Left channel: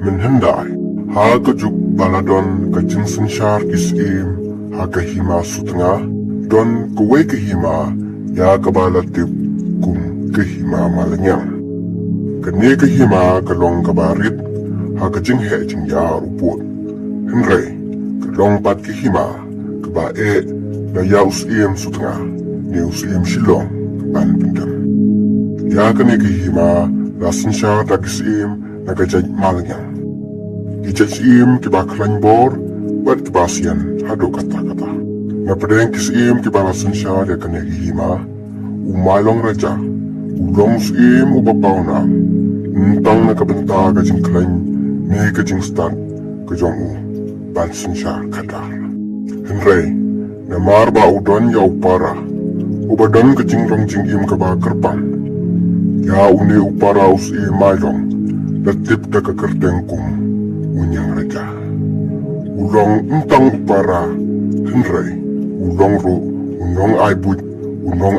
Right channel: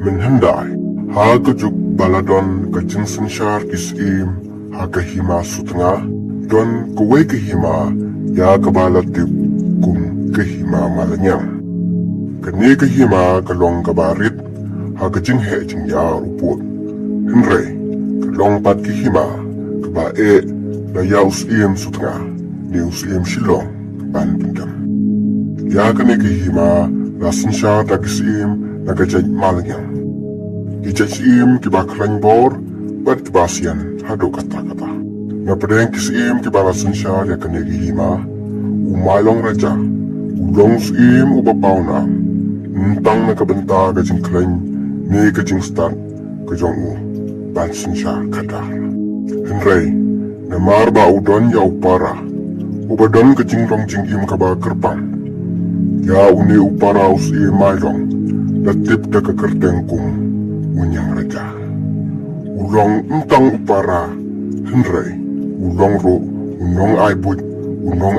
menhendai hagejuk baladon kejengsen syar isim hagahima sutna don kuwe kehima ya kebalatip kum kehima malanyang kene kehima kelong kabarit hagejeng he jeng ya ruput henry kelong pat kehima kebae na ya usim sutna ne usim shilong ban pendam ya kene kehima rasen syar takisim nagajaj malanyang Ijajim kiba keranybor buat kebasian hado kata-kata. Na pedang kisim kiba rasen syar ya kenegi hima umailong raja ulong sim ubapauna entang na kabenta kajing kelany ni kajing stan kajong u bansen syar kadar. Henry na marba udon ya upara ubadon kajing long jing im kaba kerpang ya uni upara usi mailong latip kakakerteng kum unyang raja ulong entang upara henry ulong ro unong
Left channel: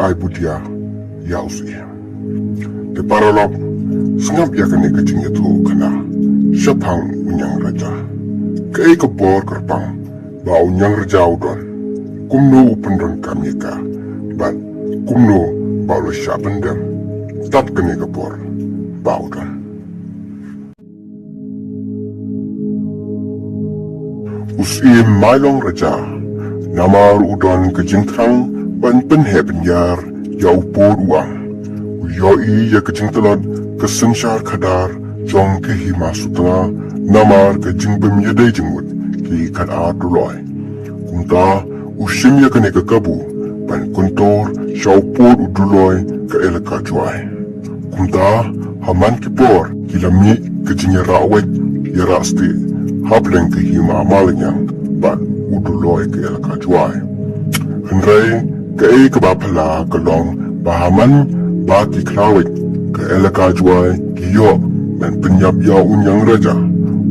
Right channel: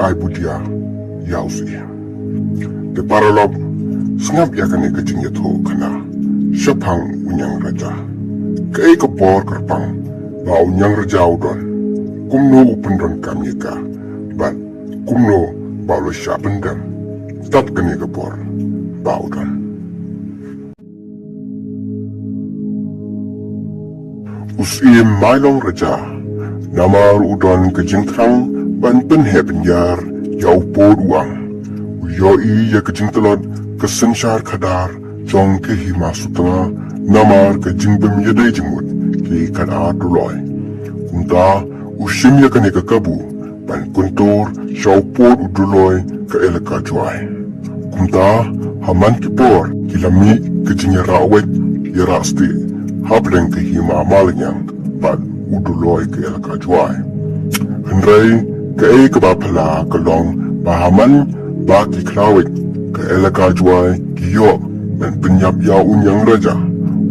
aibut ya usi te paralop sngap ya kane kajing itu kana syapang unyang raja kei kebor kerpang ba unyang raja udon kumno upendon kami ka ban kumno ba lo syapendem tat kane kebor ba udon usim mailong raja namar udon kejengtrang ban penhe penyar yau por uang uyoi ya kejengtelot kesensyar kadar jong ke hima sutra namar kejeng bemyadai jengmut ki kada duloi kumta usim ya kene kekabu ban kuntur syau por uduloi ke elaka juai kumta haman kipor kilami kejengnya rawet ya rasti hableng ke hima malanyang ban uduloi ke elaka juai henry ke kebapala kelong bahaman baki krawet ke elaka juai kiyo dan penyap ya unyang raja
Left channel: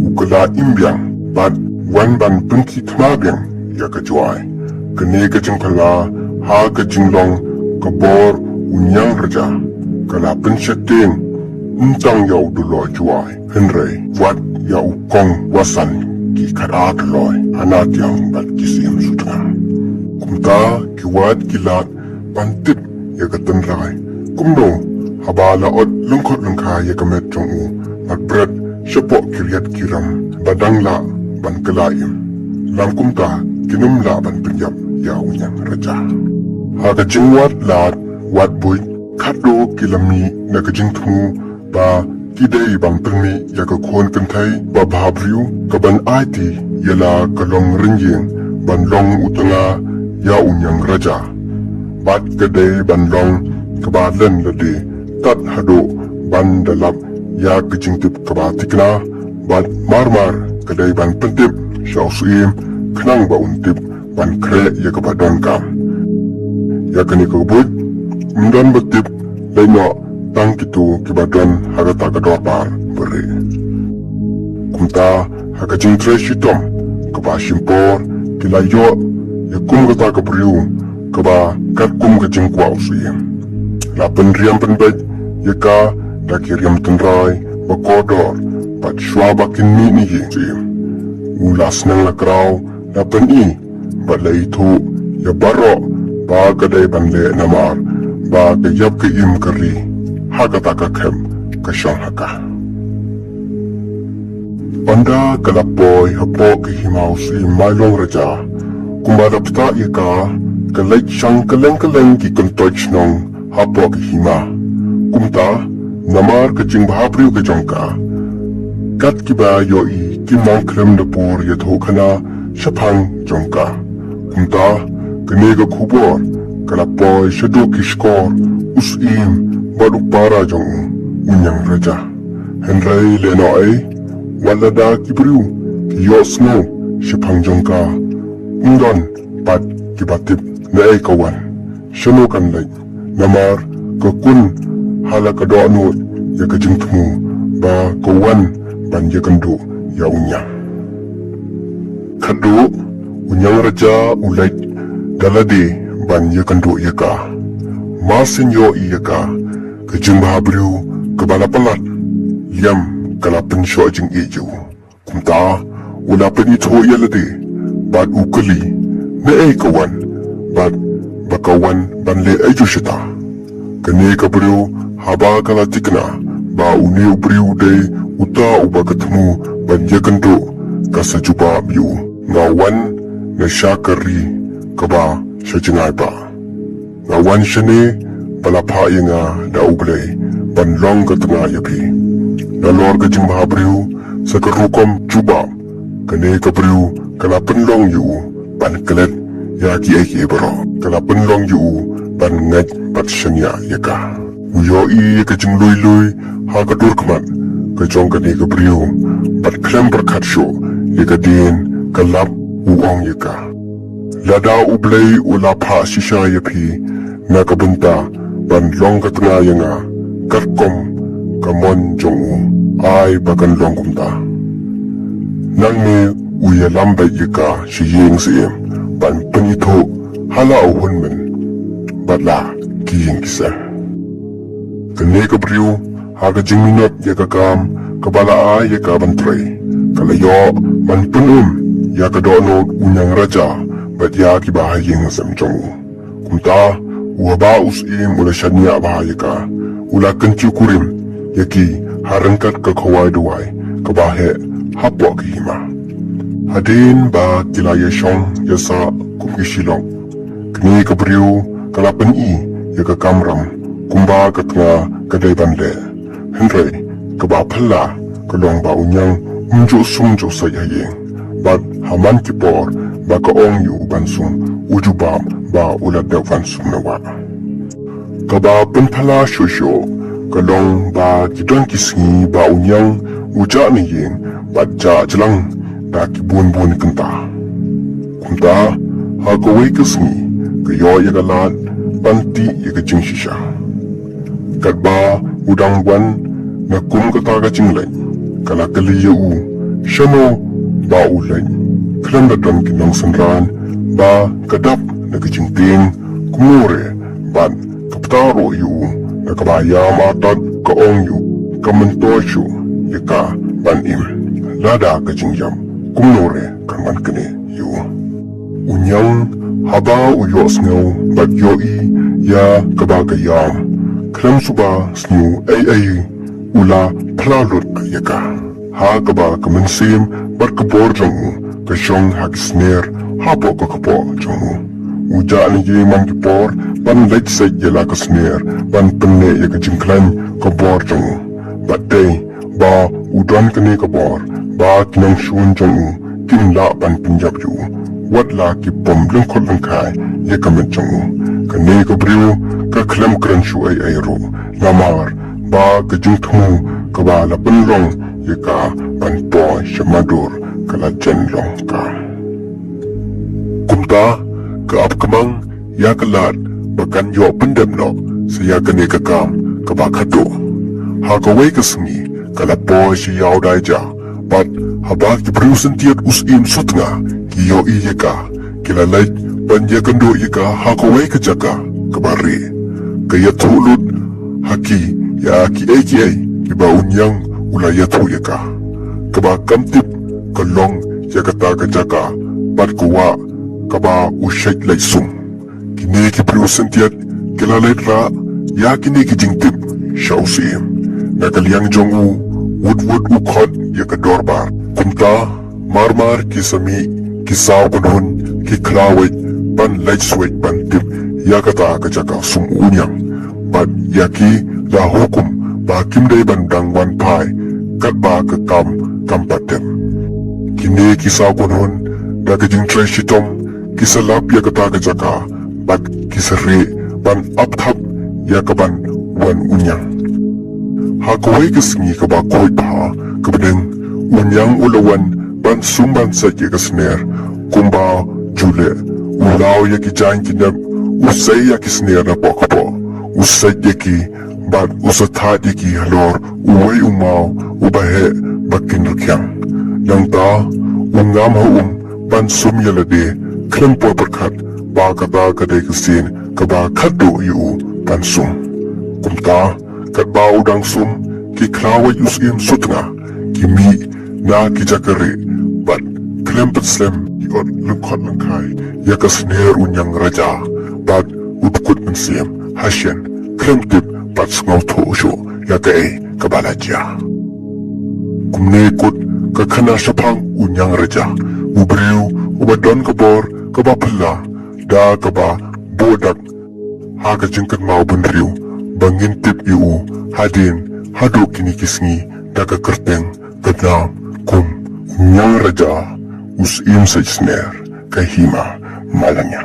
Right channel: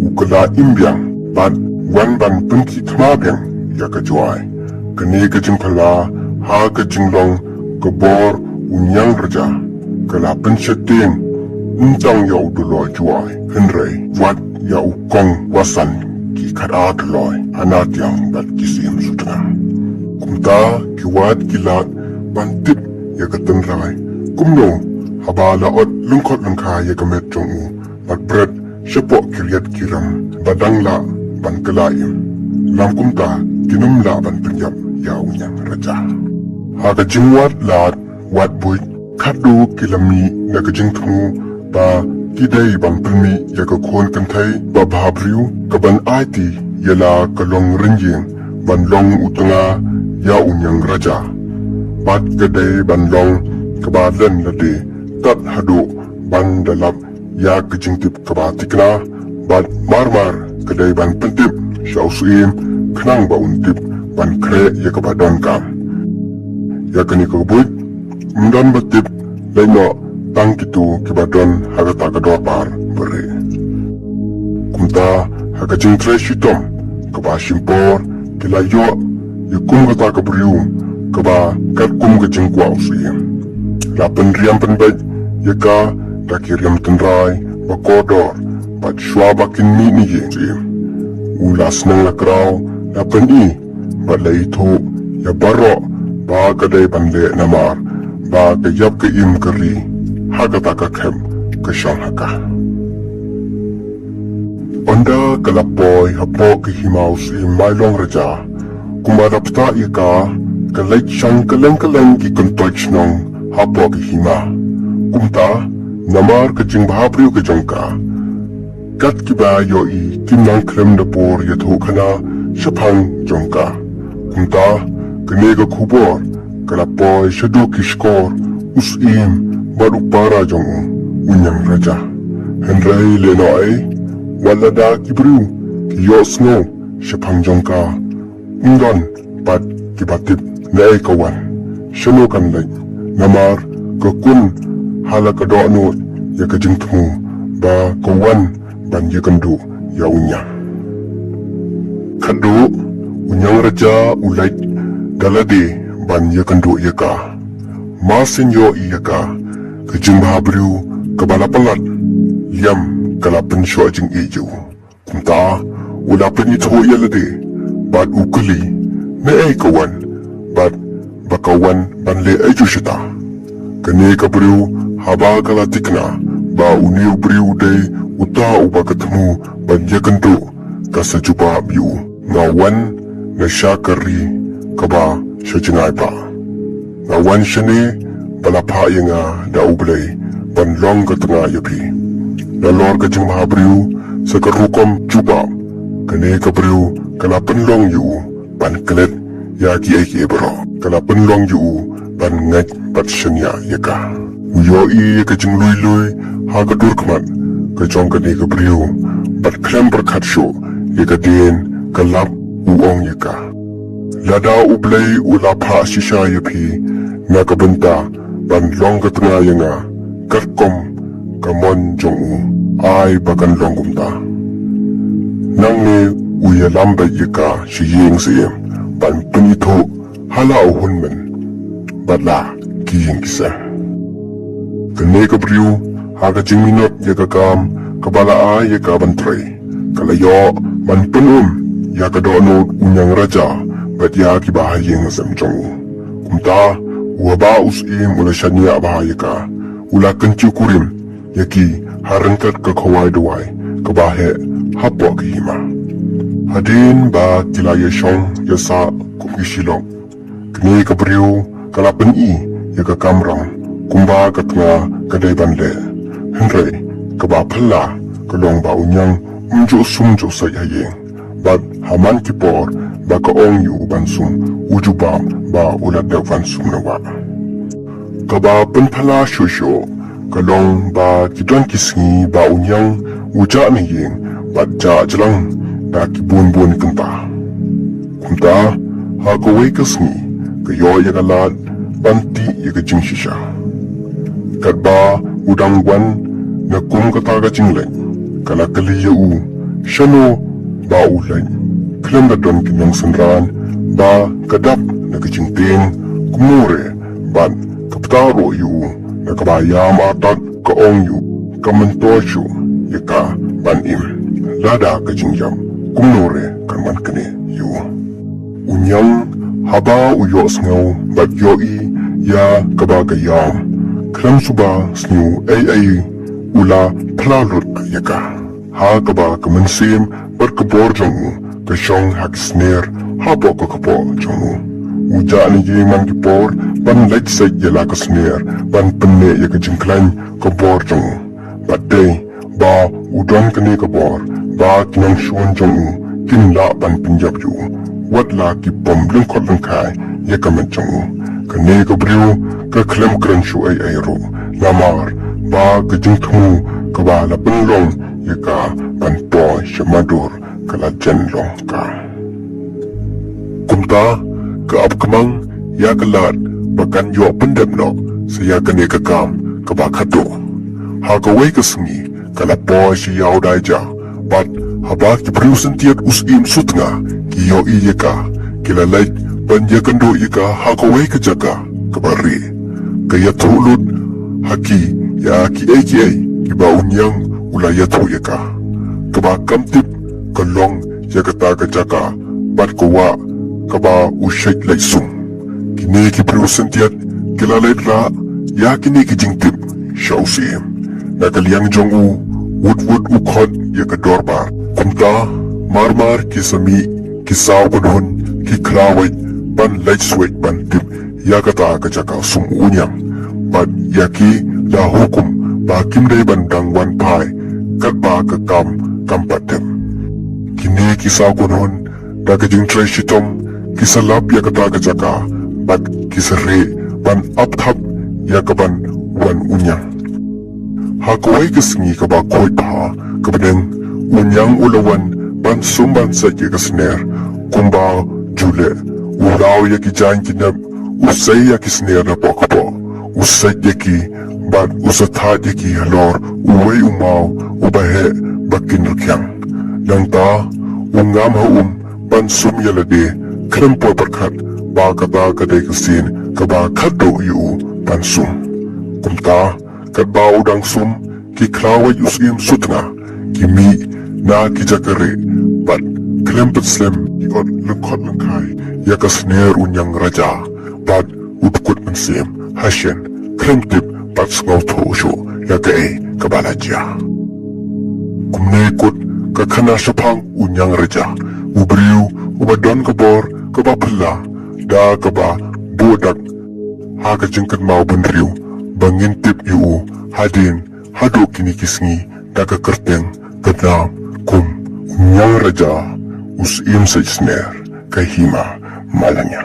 ukela imbiang ban wan ban penki tmabiang ya ke juai kene ke jengkala ha ke jenglong kebor unyang raja kala pensyeting entang ya uduloi juai henry wat ya ukong wasan ki karat loy anat yang bat kisim sutna kumta kiwat kilat pantip ya katenrai kumno habala ot lungkot lungka ya kamet jongu bat bret syepok kiryat kiram badang la ban kelayim lam kumta kinum la ban penyap ya unyang raja haka jengwat lat wat buit kadu kilami na kejengtmu ba kidai bang pelmi ya ke kon kentai ba bahabriu ke ban aiti yala kalong renjeng ban long utanga ya unyang raja bat kedai ban long ke badan lade tat hado ban dalap ya kejingtip ke batikna bat marmar kedai ban pentip syau suim kenang ba untip ban kre ya ke badan kam ya kani ke buit mundan betip laino tang kitu kibadon haga tagador bar beri kumta haga cintre shitom kaba shimpor kila yo ya kum gata kabriu kaba kat kum ke jengkwa usi la penriam penbaj ya ka da kiriam tendrai bakodor pat shwa bakin ni ye ulas nang la grau la peni balai tu ya baro ba kadai bande namar ba kayap ke im kari haga taka kem ke syang haka. Anda kelap boy hapo ke himaus i mailong raja kumadap ta ika kelek syang keleng-keleng ki kentoich nong hapo ke hima kumta namar ke jing bahapriu ke jongka kat kiba yoi kinang krem na por yathu khana syapang jongka kumta kenega kubor kelap boy syadok kishkor usim baru para jong unyang raja henry lenoi walada kibru yosno syapang jongka ungdan pat kibatip nae kawan syano kanlay namar kekun hala kadoanut ya kejengtmu ba kawan ban ya kendu ya unyang kadu unyang raja ulai daladi ban ya kendu ya ka masin yo iya ka kejeng bahabriu kebala pelat liam kalapan siya jing iyo. Kumta, wala pa ito yalade, bad ukali, na kawan, bad bakawan banle ayo siya. Kani kabriw, haba kalatik na, ba uni ubriw day, uta uba katunu, banyagando, kasajuba biyu, ngawan na siya kari, kaba siya jingay pa. Ngawan siya ni, palapaya nga daublay, banlong katanga yapi. Dalor ka jing mahabriw, sa karukom juba, kani kabriw, kalapan long yu, pankalit, yaki ebro, kalapan long yu, pan ngat pat syanya yaka. Uyoi yaka jing luy, hagadur kaman, kajong kani kabriw, pat klam berkat syo, yaka din, kalap uong yaka. Lada ublay ula pa sisya yapi, na kabunta, pan long katanga yanga, karkom, kamon jong u, ay bakan long kumta. Nang ni uya lambay yaka siyeng siyem, pan penito hala uhun men, batla kiyeng kisa. Kani kabriw, haga jing minat yaka kam, kabala ay yaka bantray, kalayo man penum, yaka doonod unyang raja, bat yaki bahayeng samjong. Kumta, uwaba usim ula syadnya bahayaka, ula kenciu kurim, yaki harangkat kakawai dawai, kabahe hapwa kihima. Hadin ba kilaya syong yasa kumisilong. Kini kabriw kalapan yaka kamram, kumba katna kadai banle. Hendray, kaba pala kalong ba unyang unjo sumjo sayayeng. Bag haman kipor ba kaong yu bansum ujubam ba ulat daw bansum nawa. Kaba penpala syosyo, kalong ba kidang kisngi ba unyang ujak niyeng baca jelang daki bun-bun kenta. Kumta, hagawai kesni, kayo yagalat, panti yaga jing sisya. Kadba udang wan, na kum kataga jinglay, kalakali yu, syano ba ulay, klam dadon kinang senran, ba kadap nagajingting, kumure, ban kaptaro yu, nakabayama tat kaong yu, kamentosyo, yaka ban im. Lada kajingjam, kumnore kan man kene yu. Unyang haba uyos ngaw bat yoi ya kabagayam. Klam suba snu ay ula plalot yaka. Ha kaba kamansim bat kabor jamu kasyong hakisner habo kakabo jamu. Uja ni ye man kipor ban lejsay yala kasner ban penne yaka jingklan kabor jamu. Bat day ba udon kene kabor ba kinang shuan jong kinla ban pinjab yu wat la ki pom lengkot lengkai ya kamat jong kane kabriu ka klam kran shu ay ro lamar ba ka jing thu ka ba la penlong ya ka ban po shamadur kala jenlong ka kumta ka apkamang ya kalat bakan yo pendem no saya kane ka kam ka ba khato ha ka wei ka sungi kala po si yaw dai ja bat haba ki prusen tiat usim sutna ki yo iyaka kila like ban yakando ika hakawai ka jaka kabare kaya tulut haki ya ki ki ba unyang ula yato yaka kaba kamtip kalong yakata ka jaka bat kawa kaba usyait laisong kini ki prusen tiat kila like ra ya kini ki jingtip syausim nakaliang jongu wood ukot yakadorbar kumta marmar kisami kisaw banhon kiklawit ban laitswit ban tip yakata kajaka sumunyang bat yaki la hukum bakim day bandang wan pai katba kakam kampatim kini kisaw banhon dakajing trashitom kisalap yakata kajaka bat kisari ban apthap yakaban wan unyang hakawai kasengi kaba koy pa kabadeng unyang ulawan ban sumban sa yakasner kumba jule ulaw yaki jan kinam usay yakisner na pakapo usay yaki bad usatad yaki halor uway umaw ubahe bakinakyang nang ta ungam haum ban sumyalade klampo berkat baga day kasin kaba kado yu ban sum kumta kadba udang sum ki klawa yusim sutna Kimi na kijakare bat kelempet slem iot lekot lengkai yakas ner unyang raja bat utkut mensiem hasyen kremtip bat sngau tosho yakai kabalaja. Kumne ikut kakana syapang unyang raja ubriu ubadon kabor kabapala da kaba bodak ha kacingkat mau benriu bangintip iu hadin haduk kini kisngi da kakerteng kadam kum unyang raja usim sajsner kahima malanya.